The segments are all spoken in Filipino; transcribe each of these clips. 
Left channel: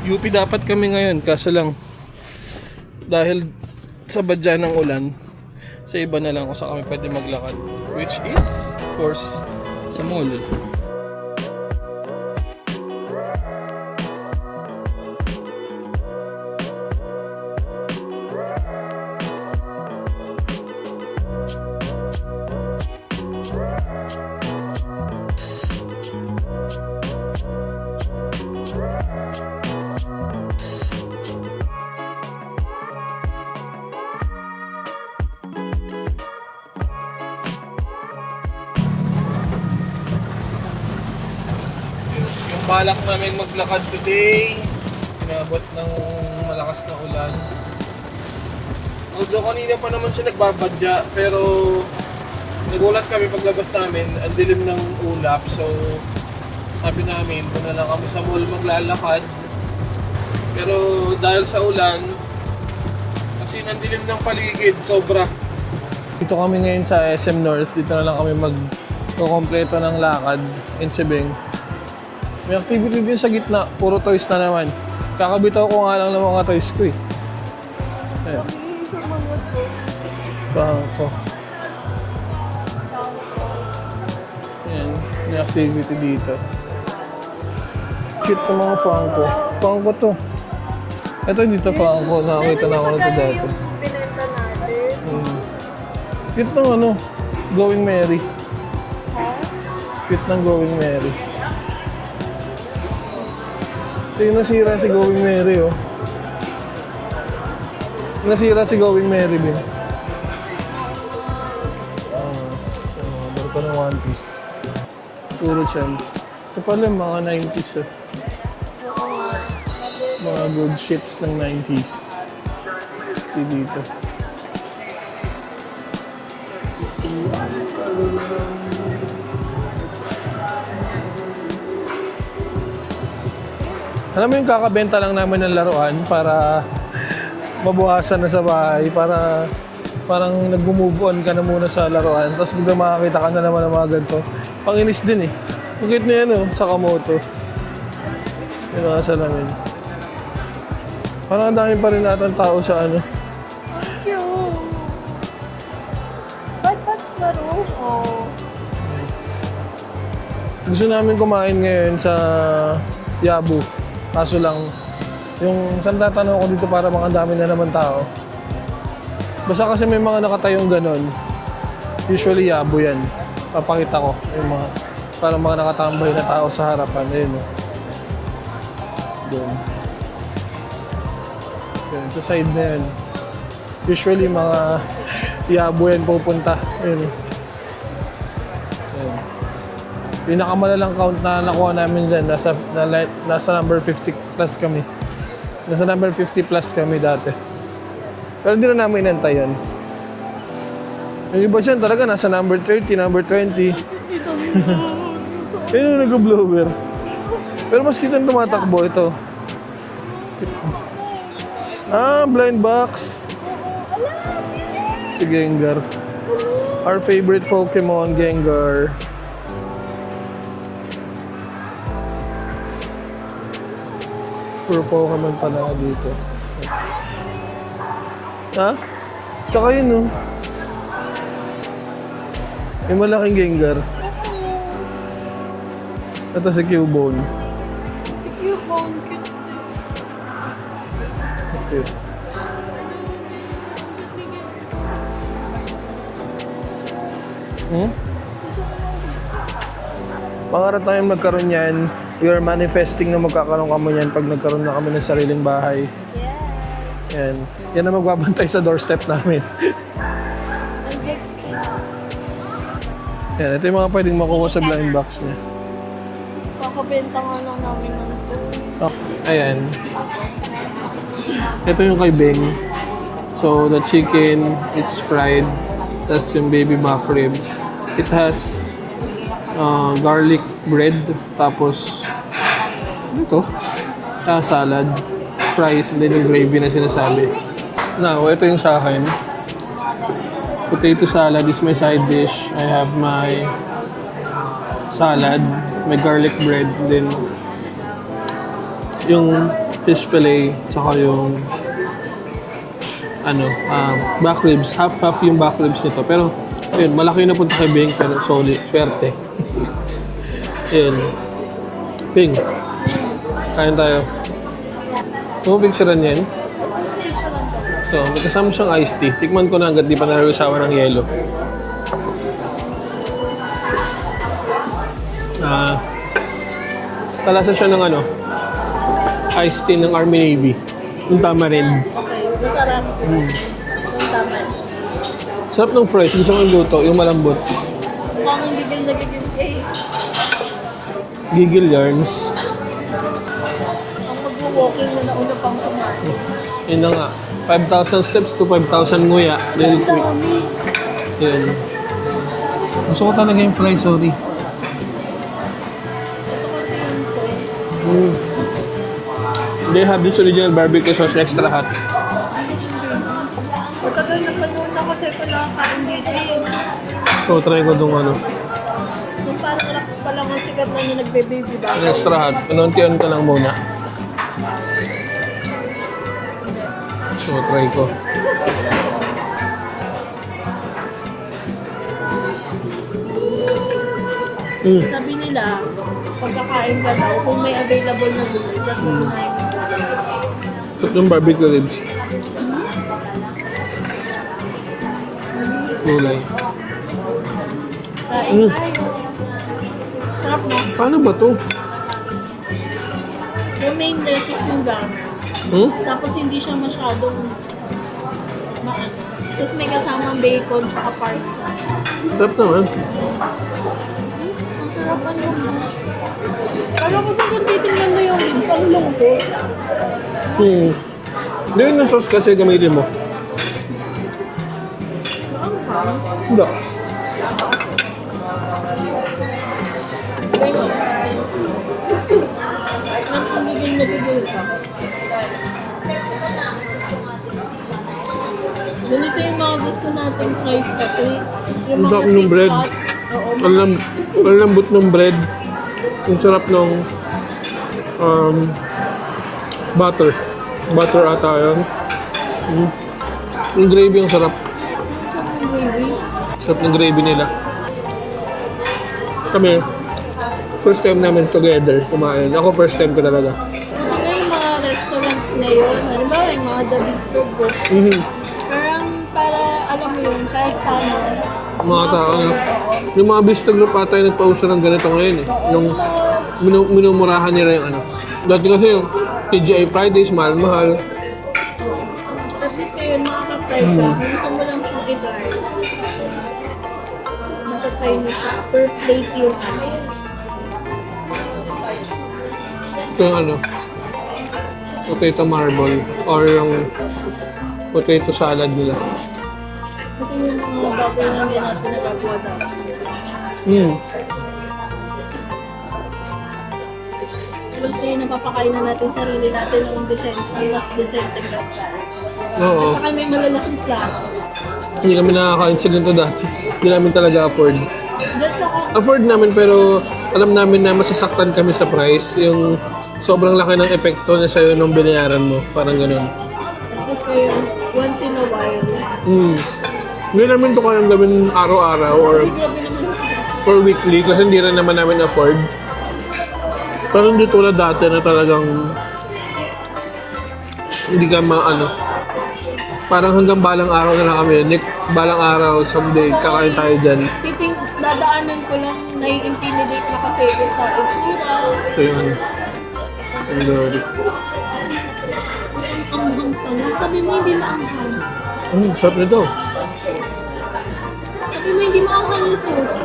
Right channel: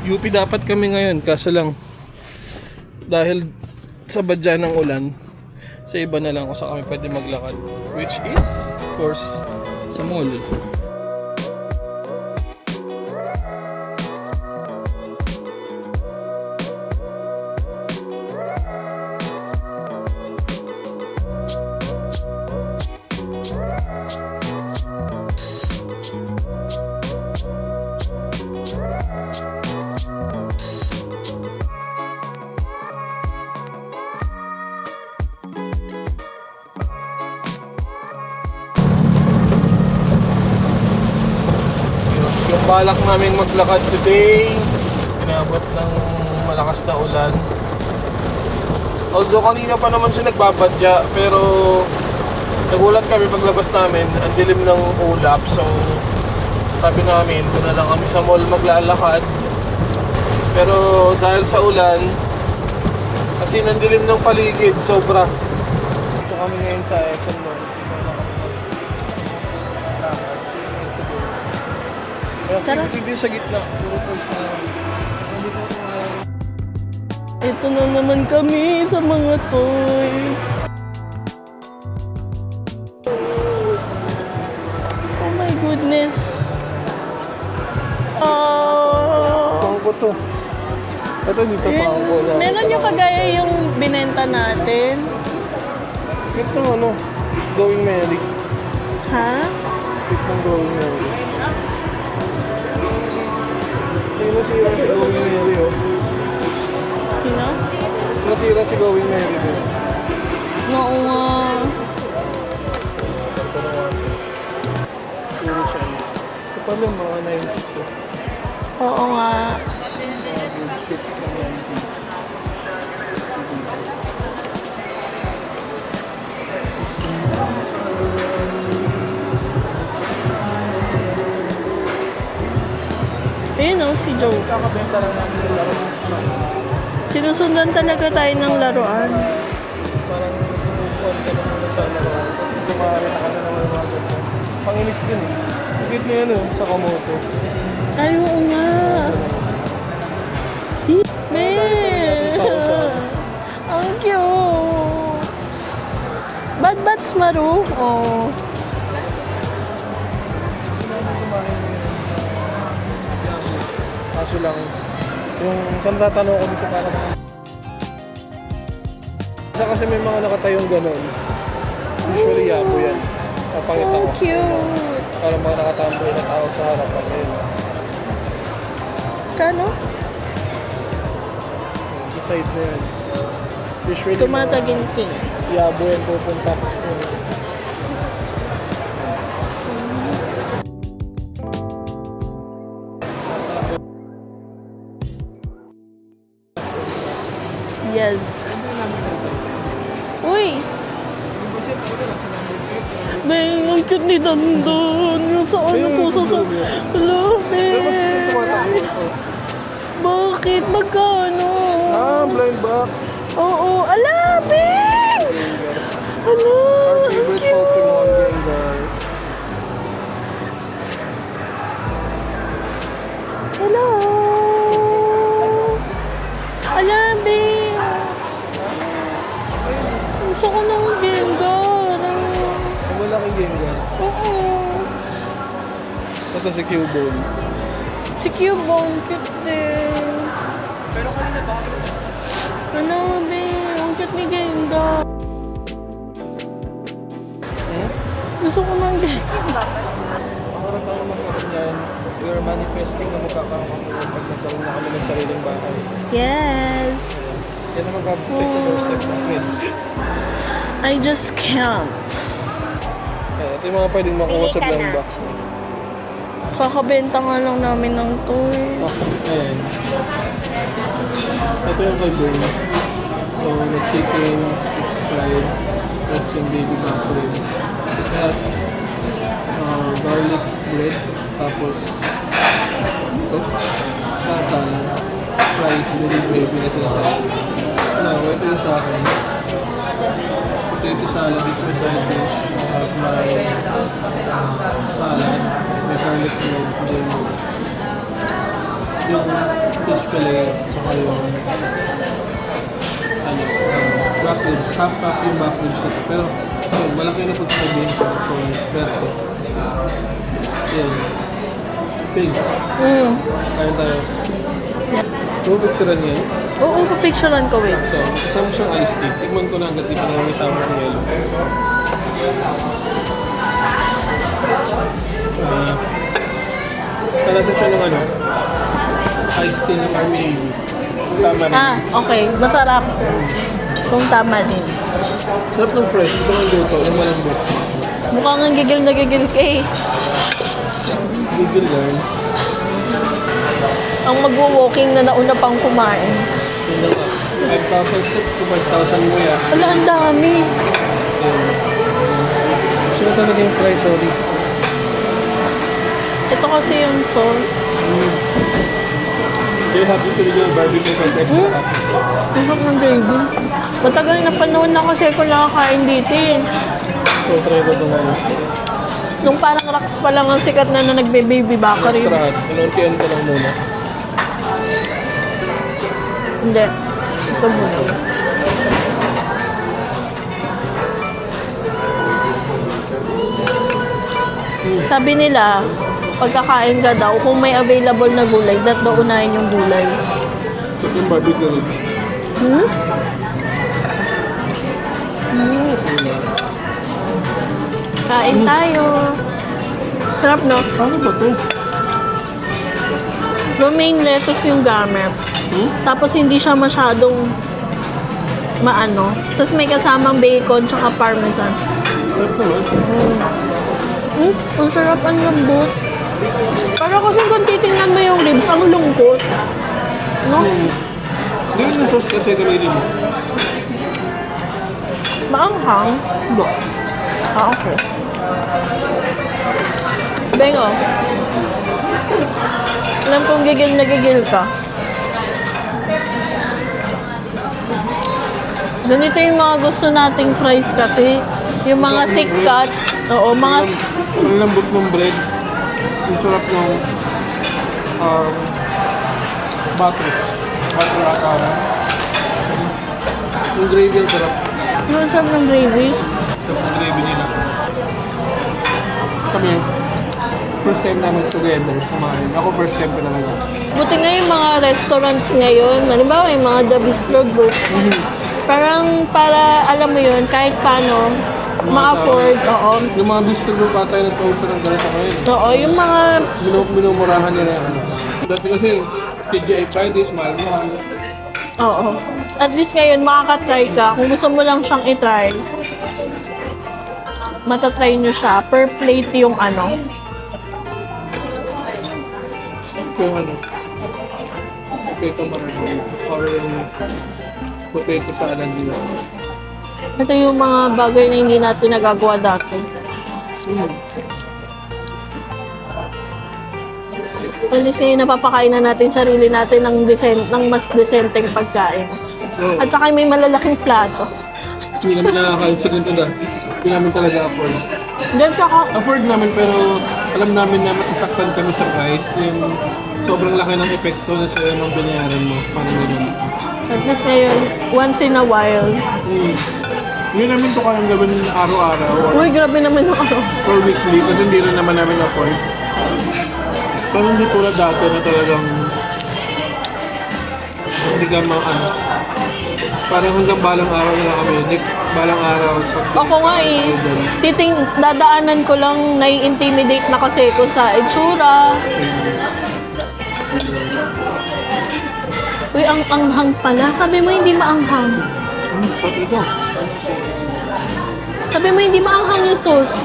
UP dapat kami ngayon, kaso lang dahil sa badya ng ulan, sa iba na lang kung saan kami pwede maglakad, which is of course sa mall. Yung balak namin maglakad today, inabot ng malakas na ulan. Although kanina pa naman siya nagbabadya, pero nagulat kami paglabas namin, ang dilim ng ulap. So sabi namin, doon na lang kami sa mall maglalakad. Pero dahil sa ulan, kasi nandilim ng paligid, sobra. Dito kami ngayon sa SM North, dito na lang kami mag-kompleto ng lakad in Sebeng. May activity din sa gitna, puro toys na naman. Kakabitaw ko nga lang ng mga toys ko eh. Ito na naman kami sa mga toys. Bangko. Oh my goodness. Cute ko mga pangko. Pangko to. Ito dito pangko. Meron yung kagaya yung binenta natin. Cute to ano, Going Merry. Ha? Cute ng Going Merry. Hindi nasira si Going Merry oh. Sino? Nasira si Going Merry mo. Oo nga. Ito ng One Piece. Puro siya. Ito pala mga 90s eh. Oo nga. Mga good shits ng 90s. Ito dito. Ayun o, si Alam mo Joe. yung kakabenta lang naman ng laruan para Sinusundan talaga mabawasan tayo na sa ng bahay, laruan. para parang nag-move-on ka na muna sa laruan, tapos bigla makakita ka na naman ng mga ganito. Panginis din eh. Higit na yan oh, sa Kamoto. Ay, oo nga. Pinasa lang yun. Parang dami pa rin natin tao sa ano. Ang cute. Bats Maru. Oh. Gusto namin kumain ngayon sa Yabu. Kaso lang, yung isang tatanong ko dito para makadami na naman tao. Basta kasi may mga nakatayong ganun. Usually Yabu yan. Papakita ko. So cute. Para mga nakatamboy na tao sa harapan yun. Kano? Yan, sa side na yan. Usually Tumataginti. Yabu yan pupunta. Yun. Pinakamalalang count na nakuha namin dyan, nasa number 50 plus kami. Nasa number 50 plus kami dati. Yes. Pero hindi na namin inantay yan. Uy! Yung iba dyan talaga nasa number 30, number 20. Ang cute ni Dandon. Yung sa ano Kaya po sa... nag-bloom yan. Lapit. Pero mas kitang tumatakbo ito. Bakit? Magkano? Blind box. Oo. Alapit! Si Gengar. Ano? Our favorite Pokemon, Gengar. Hello? Puro Pokemon pa na dito. Alapit! Ha? Tsaka yun eh. Gusto ko ng Gengar. Yung malaking Gengar. Oo. Ito si Cubone. Si Cubone, cute din. Ano, babe? Ang cute ni Gengar. Gusto ko ng Gengar. Pangarap tayong magkaroon yan. We are manifesting na magkakaroon kami yan pag nagkaroon na kami ng sariling bahay. Yes. Yan. Yan ang magbabantay sa doorstep namin. I just can't. Yan. Ito yung mga pwedeng makuha sa blind box niya. Kakabenta nga lang namin ng toy. Ayan. Ito yung kay Ben. So, the chicken, it's fried. Tapos yung baby back ribs. It has garlic bread. Tapos, ano to? Salad. Fries, and then yung gravy na sinasabi. Now, ito yung sa akin. Potato salad is my side dish. I have my salad, may garlic bread, then yung fish fillet, saka yung back ribs. Half yung back ribs nito. Pero, yun, malaki na punta kay Bing, pero solid, swerte. Yun. Bing, kain tayo. Ito, picturean yan. Oo, picturean ko, wait. So, may kasama siyang iced tea. Tikman ko na hanggat di pa narasawa ng yelo. Kalasa siya ng iced tea ng Army Navy. Yung tama rin. Okay. Masarap. Kung tama din. Sarap ng fresh. Gusto ko yung luto, yung malambot. Mukhang ang gigil na gigil ka eh. Gigil yarns. Ang mag-walking na nauna pang kumain. Yun na nga. 5,000 steps to 5,000 nguya. Ano ang dami? Yun. Gusto ko talaga yung fry, sorry. Ito kasi yung sauce. They have this original barbecue sauce extra hot. Ang sarap ng gravy. Matagal na panahon na kasi ako nakakain dito eh. So, try ko itong Nung parang rocks pa lang ang sikat na nagbe-baby back extra hot. Inunti-unti lang muna. Hindi. So, try ko. Sabi nila, pagkakain ka daw, kung may available na gulay, daw unahin yung gulay. Ito yung barbecue ribs. Gulay. Kain tayo. Sarap, no? Paano ba ito? Romaine lettuce yung gamit. Tapos hindi siya masyadong maano. Tapos may kasamang bacon tsaka parmesan. Sarap naman. Ang sarap, ang lambot. Parang kasi kung titingnan mo yung ribs, ang lungkot. No? Hindi yung sauce kasi gamitin mo. Maanghang. Ba? Okay. Bengo. Alam kong gigil na gigil ka. Ganito yung mga gusto nating fries kasi. Yung mga Ang thick bread. cut. Oo, mga... Ang lambot ng bread. Ang sarap ng butter. Butter ata yan. Yung gravy ang sarap. Ang sarap ng gravy. Sarap ng gravy nila. Kami, first time namin together kumain. Ako first time ko talaga. Buti nga yung mga restaurants ngayon. Halimbawa, yung mga The Bistro Group. Parang para, alam mo yun, kahit paano, mga tao. food, oo. Yung mga bistro group ata yung nagpauso ng ganito ngayon eh. Oo, yung mga Minumurahan nila yung Dati kasi yung TGI Fridays, mahal-mahal. oo. At least ngayon, makakatry ka. Kung gusto mo lang siyang itry, matatry nyo siya. Per plate yung Ito yung potato marble or yung potato salad nila. Ito yung mga bagay na hindi natin nagagawa dati. At least ngayon, napapakain na natin sarili natin ng mas decenteng pagkain. Oo. At saka may malalaking plato. Hindi namin nakakain sa ganito dati. Hindi namin talaga afford. Diyan saka, Afford namin pero alam namin na masasaktan kami sa price. Yung sobrang laki ng epekto na sa'yo nung binayaran mo. Parang ganun. at least ngayon, once in a while. Hindi namin ito kayang gawin araw-araw or Uy, grabe naman yung or weekly kasi hindi rin naman namin afford. Pero hindi tulad dati na talagang hindi ka parang hanggang balang araw na lang kami. Balang araw, Sunday, kakain tayo dyan. Dadaanan ko lang, nai-intimidate na kasi ko sa itsura. Uy, ang anghang pala. Sabi mo hindi maanghang. Sarap nito. Sabi mo hindi maanghang yung sauce.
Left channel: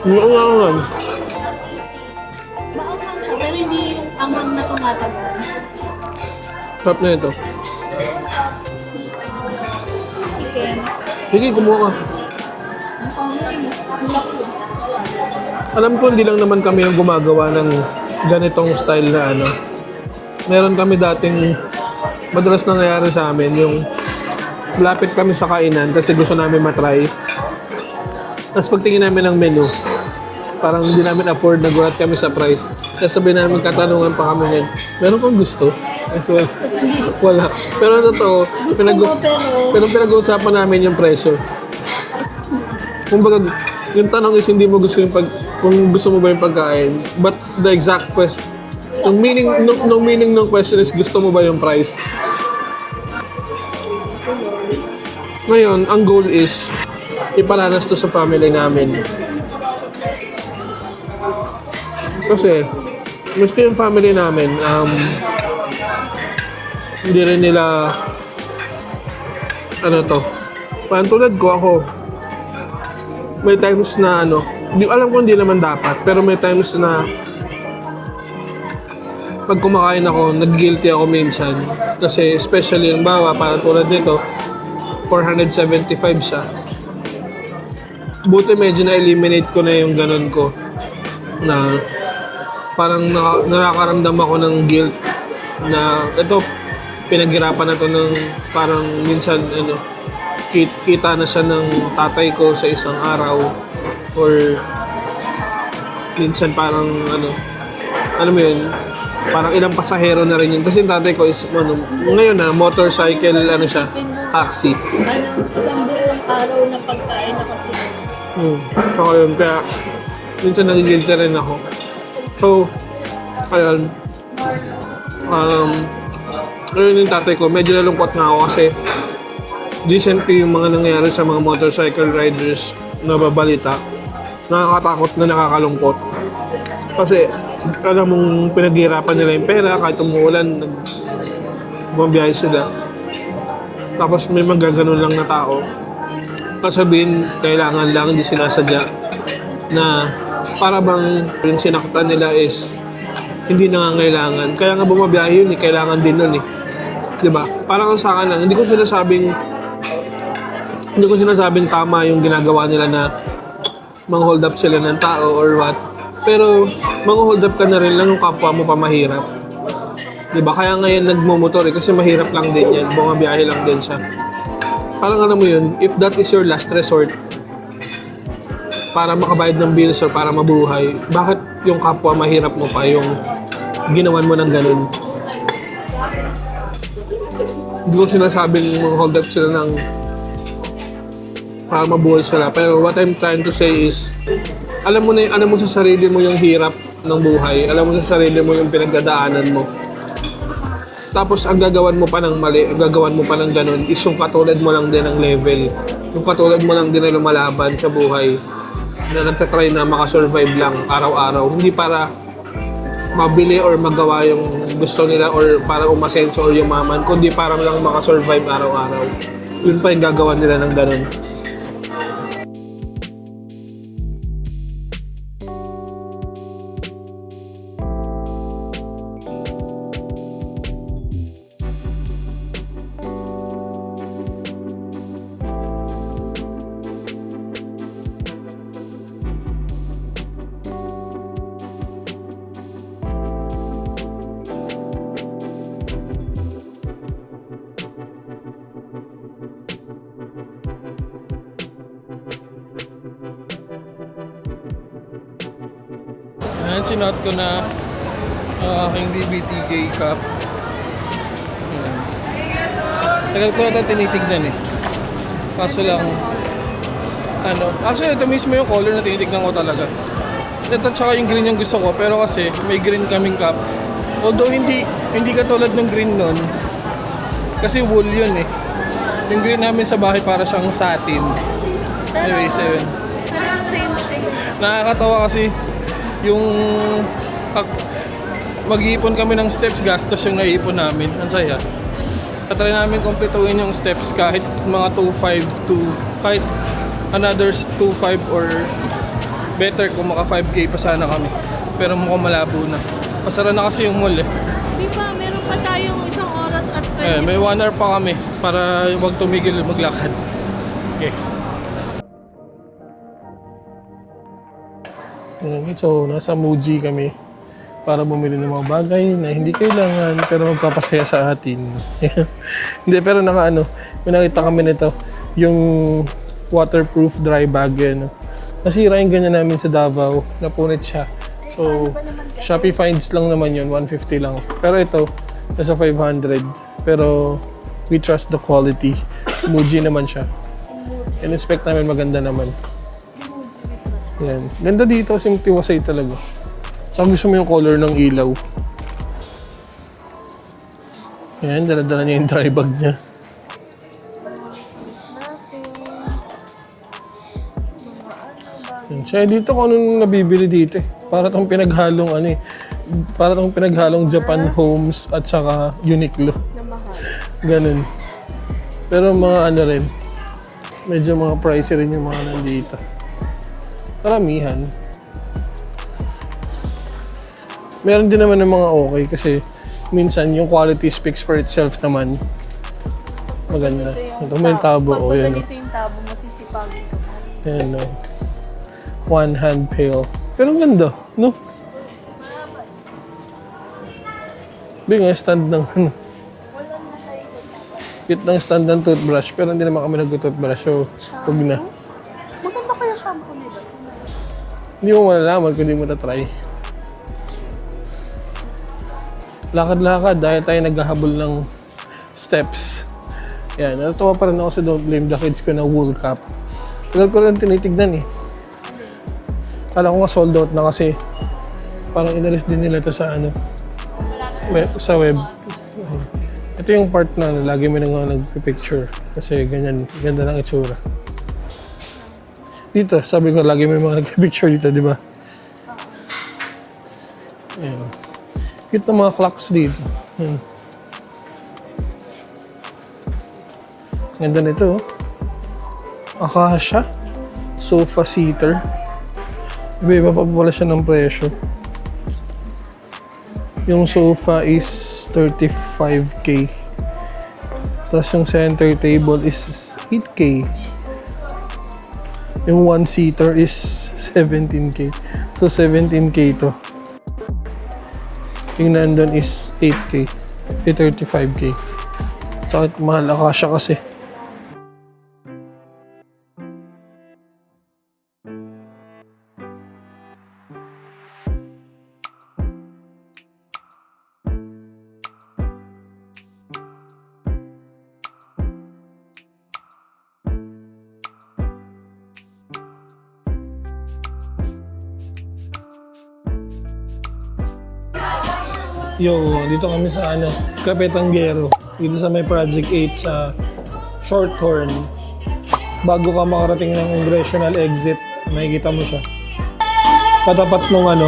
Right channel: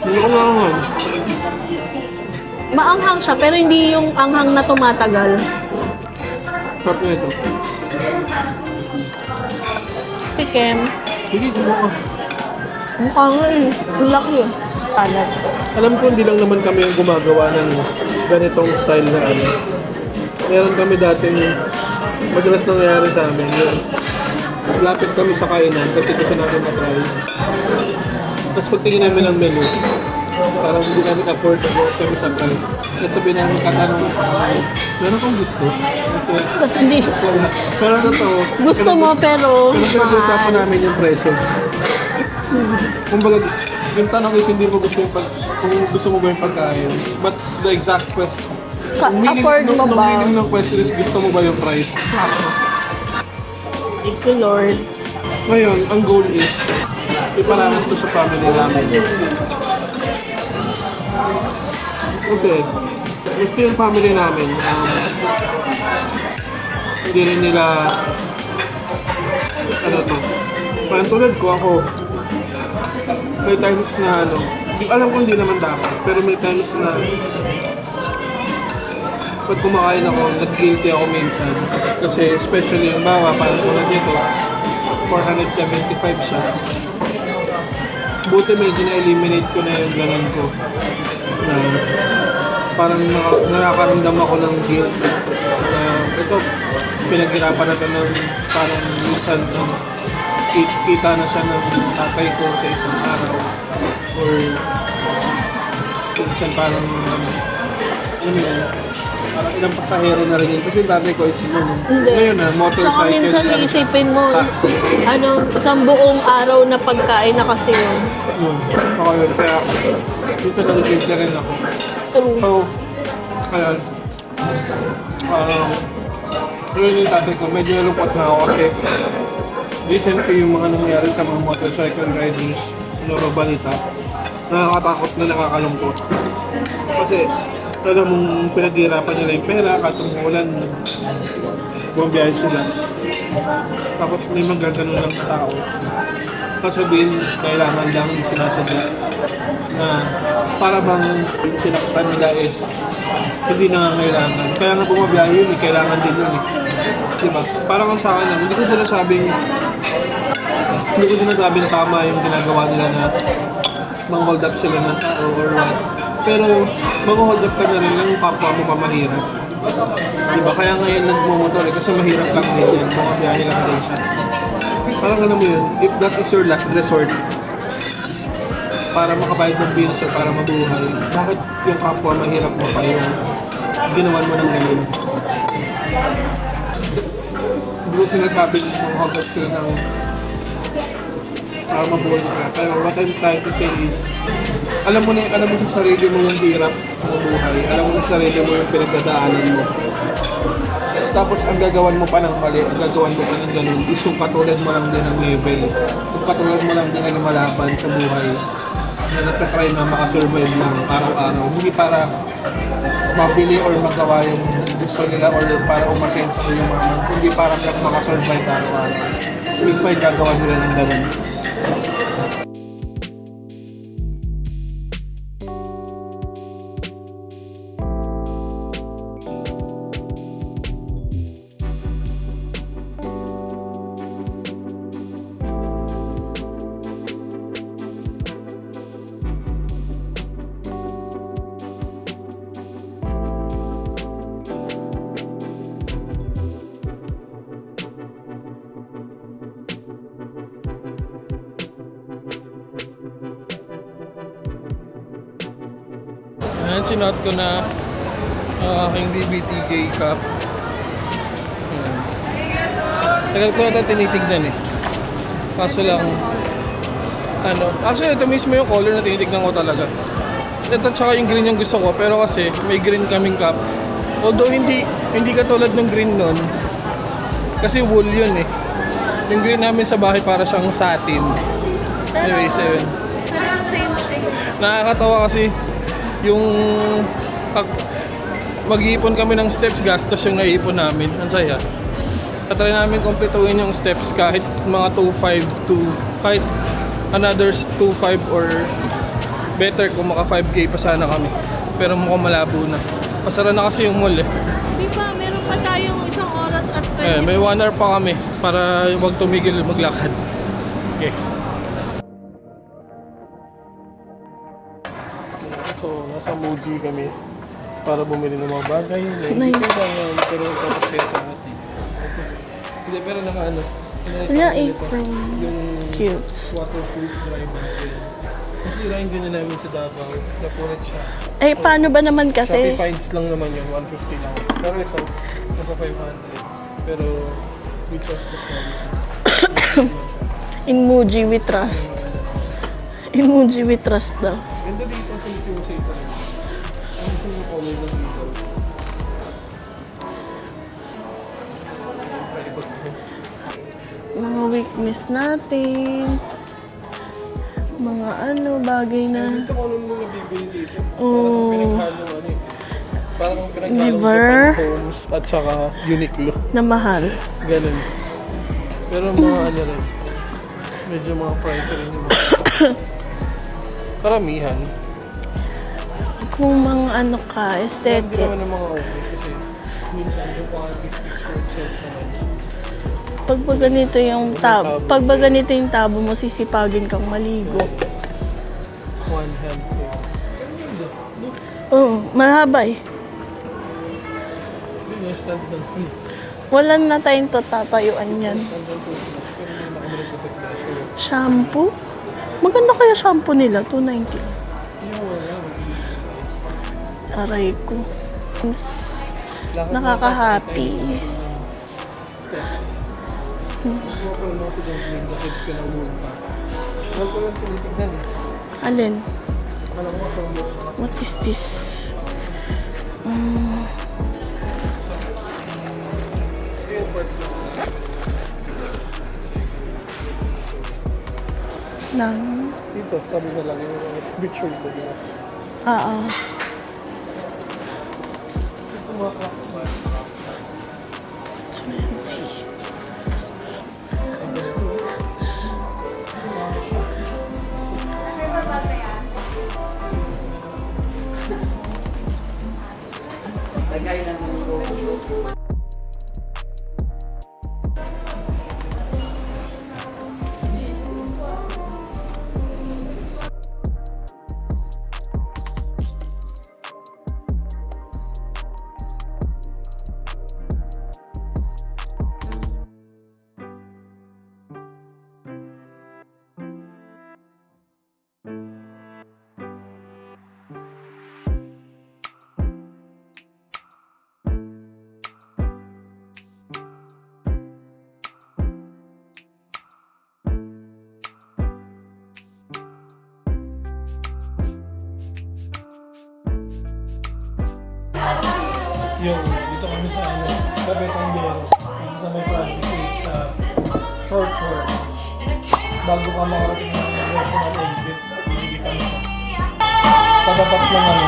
Hindi ko nga Maanghang siya, pero hindi yung anghang na tumatagal. Sarap na ito. Pikem. Sige, kumuha. Mukha nga eh. Ang laki eh. Paano? Alam ko hindi lang naman kami yung gumagawa ng ganitong style na Meron kami dating madalas nangyayari sa amin yung lapit kami sa kainan kasi gusto namin matry. Tapos pagtingin namin ng menu, parang hindi namin afford, nagulat kami sa price. Sasabihin namin katanungan pa kami yun. Meron kang gusto? Kasi Tapos hindi. wala. Pero totoo. Gusto mo pero... Pero pinag-uusapan namin yung presyo. Kumbaga, yung tanong is hindi mo gusto yung kung gusto mo ba yung pagkain. But the exact question, yung meaning, Afford mo nung ba? meaning ng question is gusto mo ba yung price? Thank you, Lord. Ngayon, ang goal is ipalanas to sa family namin. Kasi, gusto yung family namin, hindi rin nila, ano to, parang tulad ko ako, may times na alam ko hindi naman dapat, pero may times na pag kumakain ako, nag-guilty ako minsan. Kasi especially yung bawa, parang tulad nito, 475 siya. Buti medyo na-eliminate ko na yung ganon ko. Na parang nakakaramdam ako ng guilt. Na ito, pinaghirapan na to ng parang minsan kita na siya ng tatay ko sa isang araw. Or minsan parang alam mo yun, parang ilang pasahero na rin yun. Kasi yung tatay ko is, ngayon na, motorcycle, Saka minsan siya, iisipin mo, taxi. Isang buong araw na pagkain na kasi yun. Saka yun, kaya, minsan nagigilty rin ako. True. So, ayun, ayun yung tatay ko, medyo nalungkot na ako kasi recently yung mga nangyayari sa mga motorcycle riders na babalita, nakakatakot na nakakalungkot. Kasi, alam mong pinaghirapan nila yung pera, kahit umuulan, bumabiyahe sila. Tapos may magaganon lang na tao. Kasabihin, kailangan lang, hindi sinasadya, na para bang yung sinaktan nila is hindi nangangailangan. Kaya nga bumabiyahe yun, kailangan din nun eh. Diba? Parang sa akin lang, hindi ko sinasabing tama yung ginagawa nila na mang-hold up sila ng tao or what. Pero mang-hold up ka na rin lang yung kapwa mo pa mahirap. Diba? Kaya ngayon nagmumotor eh, kasi mahirap lang din yan. Bumabiyahe lang din siya. Parang ano mo yun, if that is your last resort para makabayad ng bills o para mabuhay, bakit yung kapwa mahirap mo pa yung ginawan mo ng ganun? Hindi ko sinasabing mag-hold up sila ng para mabuhay sila. Pero what I'm trying to say is, alam mo sa sarili mo yung hirap ng buhay. Alam mo sa sarili mo yung pinagdadaanan mo. Tapos ang gagawan mo pa ng mali, ang gagawan mo pa ng ganun, is yung katulad mo lang din ng level. Yung katulad mo lang din na lumalaban sa buhay. Na nagtatry na makasurvive lang araw-araw. Hindi para mabili or magawa yung gusto nila or para umasenso or yumaman, kundi parang lang makasurvive araw-araw. Yun pa yung gagawan nila ng ganun. Ayan, sinuot ko na aking DBTK cup. Ayan. Tagal ko na ito tinitignan eh. Kaso lang, actually ito mismo yung color na tinitignan ko talaga. Ito tsaka yung green yung gusto ko, pero kasi may green kaming cup. Although hindi katulad ng green nun, kasi wool yun eh. Yung green namin sa bahay para siyang satin. Anyways, ayun. Nakakatawa kasi yung mag-iipon kami ng steps, gastos yung naiipon namin. Ang saya. Tatry namin kumpletuhin yung steps kahit mga 2.5 to kahit another 2.5 or better kung maka 5K pa sana kami. Pero mukhang malabo na. Pasara na kasi yung mall eh. Di ba, meron pa tayong 1 oras at 20. May 1 hour pa kami para wag tumigil maglakad. Okay. So, nasa Muji kami para bumili ng mga bagay na hindi kailangan pero magpapasaya sa atin. Hindi, pero nakita kami nito. Yung waterproof dry bag yan. Nasira yung ganyan namin sa Davao. Napunit siya. Eh, paano ba naman kasi? Shopee Finds lang naman yun, 150 lang. Pero ito, nasa 500. Pero we trust the quality. Muji naman siya. In Muji we In-expect namin trust. maganda naman. In Muji we trust daw. Yan. Ganda dito kasi tiwasay talaga. Saan gusto mo yung color ng ilaw? Ayan, dala-dala niya yung dry bag niya. Mga weakness natin. Mga bagay Kaya dito kung ano nabibili dito eh. Para itong pinaghalong para itong pinaghalong Liver. Japan Homes at saka Uniqlo. na mahal. Ganun. Pero mga rin, medyo mga pricey rin yung mga dito. Karamihan. Kung mga ka, Meron din naman ng mga okay kasi minsan yung quality speaks for itself naman. Pag ba ganito yung May tabo, pag ba yan. ganito yung tabo mo, sisipagin kang maligo. Yan, one hand pail. Pero ang ganda, no? Oo, mahaba eh. Bigla stand ng Wala na tayong tatayuan cute ng yan. stand ng toothbrush pero hindi naman kami nag-toothbrush. So, huwag na. Shampoo? Maganda kaya shampoo nila, 290. Hindi mo malalaman kung hindi mo na-try. Aray ko. Lakad-lakad dahil Nakakahati. tayo naghahabol ng steps. Yan, natuwa pa rin ako sa Don't Blame the Kids ko na wool cap. Tagal ko rin tinitignan eh. Alin? Kala ko nga sold out na kasi Is this? parang inalis din nila to sa sa web. Ito yung part na lagi mo nang nag-picture kasi ganyan, ganda ng itsura. Nang? Dito, sabi ko lagi may mga nag-picture dito, di ba? Oo. Yan. Cute na mga clocks dito. Yan. Ganda nito. Akasha. Sofa seater. Iba pa pala siya ng presyo. Yung sofa is 35k. Tapos yung center table is 8k. Yung one seater is 17k. So 17k to. Yung nandun is 8k. 35k. Sakit mahal Akasha kasi. Dito kami sa Kapetanggero. Dito sa may Project 8 sa Shorthorn. Bago ka makarating ng congressional exit, makikita mo siya. Katapat ng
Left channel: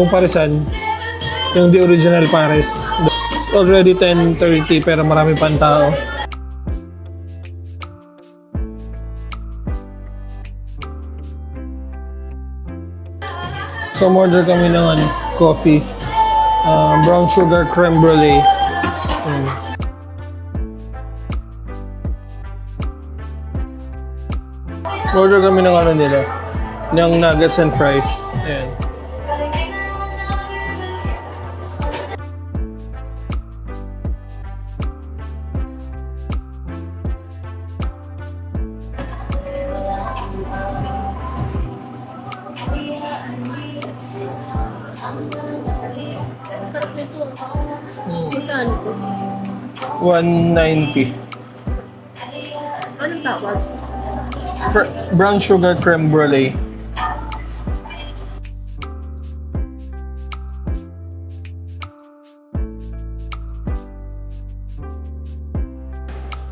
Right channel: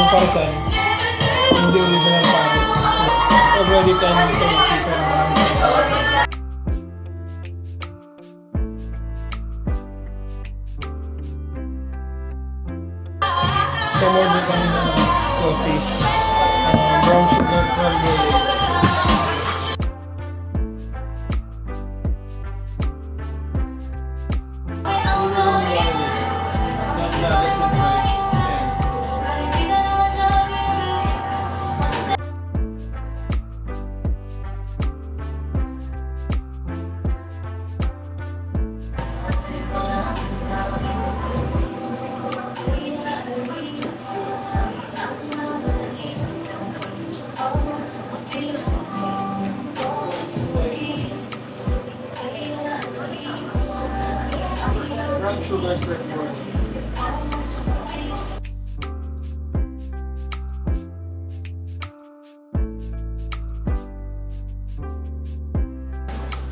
yung Parisan, yung The Original Paris. Already 10:30 pero marami pang tao. So, order kami ng coffee. Brown sugar creme brulee. Ayan. Order kami ng nila. Ng nuggets and fries. Ayan. $190. Ano tapos? Brown sugar creme brulee.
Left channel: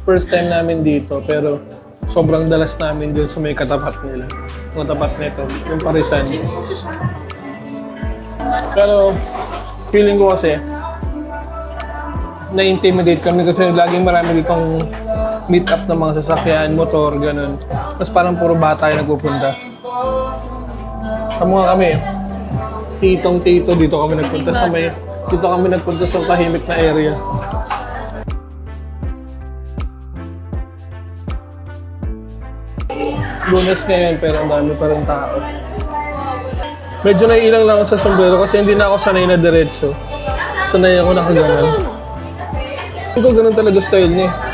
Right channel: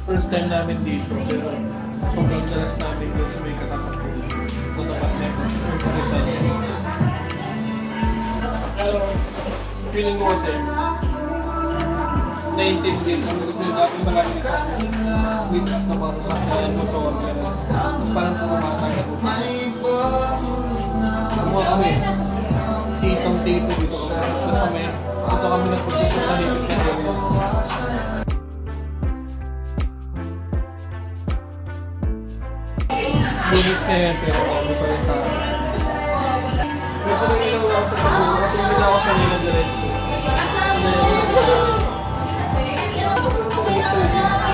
First time namin dito pero sobrang dalas namin dun sa may katapat nila. Katapat nito, yung Parisan. Pero feeling ko kasi na-intimidate kami kasi laging marami pang meet up ng mga sasakyan, motor, gano'n. Tapos parang puro bata yung nagpupunta. Tama nga kami, titong-tito dito kami nagpunta sa dito kami nagpunta sa tahimik na area. Lunes ngayon pero ang dami pa rin tao. Medyo naiilang lang ako sa sombrero kasi hindi na ako sanay na diretso. Sanay ako nakaganon. Ito ganun talaga style niya.